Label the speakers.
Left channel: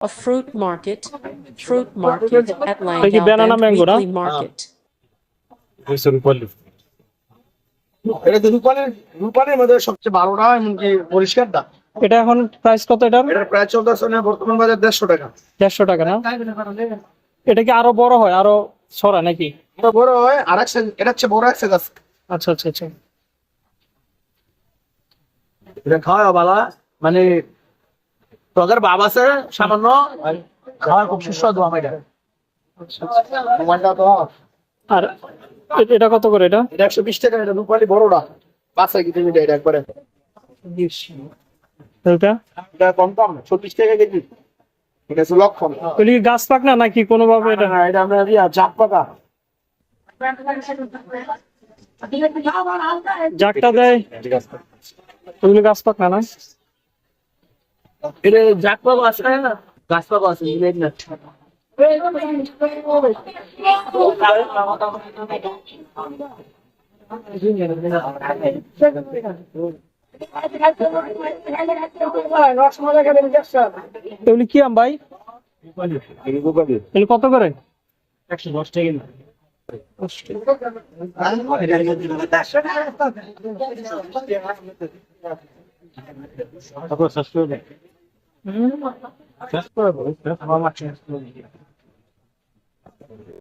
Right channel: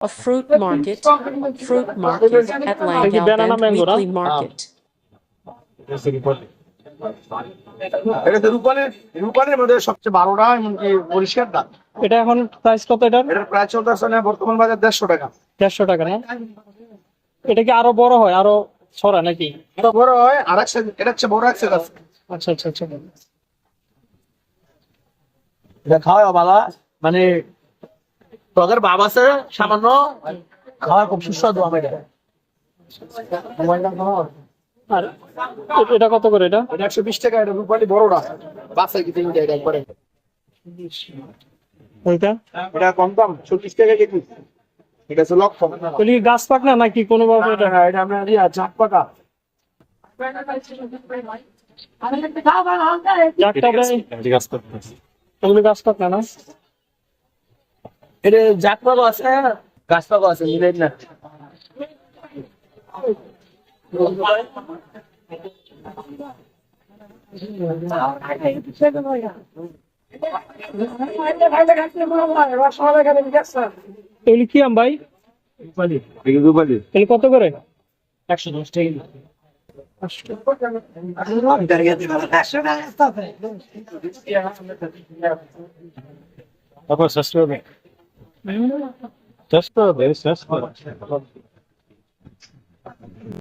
Speaker 1: A fruit market, fruit market at
Speaker 2: no?
Speaker 1: Weekly Market.
Speaker 3: এটা তো রূপানের রূপানের মধ্যে সবচেয়ে ভালোটা এমনকি পরিষ্কারটা
Speaker 2: এটা এখন প্রাইস কত এটার?
Speaker 3: এটার প্রায় চলতেছে না বর্তমান বাজার দেড়শো টাকা
Speaker 2: দেড়শো টাকা না এটা কি আরও বড় হয় আরও ছড়া নাকি
Speaker 3: এটা বড় হয় আর এক এটা হচ্ছে বড় এক আছে
Speaker 2: আচ্ছা আচ্ছা আচ্ছা
Speaker 3: এটা খাওয়া ভালো মানে তোদের বাবা আছে সামান্য? খাওয়ার খুব সুস্বাদু আমি এটা।
Speaker 2: আর এটা কত করে এটা?
Speaker 3: এটা একশো বিশ টাকা এটা রূপালি বড়টা। বাসায় কিছু মিটাই এটা একবারে?
Speaker 2: এটা
Speaker 3: এটা কম দাম চল্লিশ টাকা কেজি। এটা হচ্ছে লক্ষণ।
Speaker 2: এগুলি গাছ পাক না নাকি কোনোভাবে এটা?
Speaker 3: হ্যাঁ এটা আমরা ইয়া জাপ পাকা
Speaker 2: জাকটা দেয়। এগুলি গাছ পাক না না?
Speaker 3: এটা আছে গাছ পাকা আছে মিলাই না।
Speaker 2: এগুলি কি আম ভাই? কত করে?
Speaker 3: একশো দশ টাকা
Speaker 4: তারপর Just for this,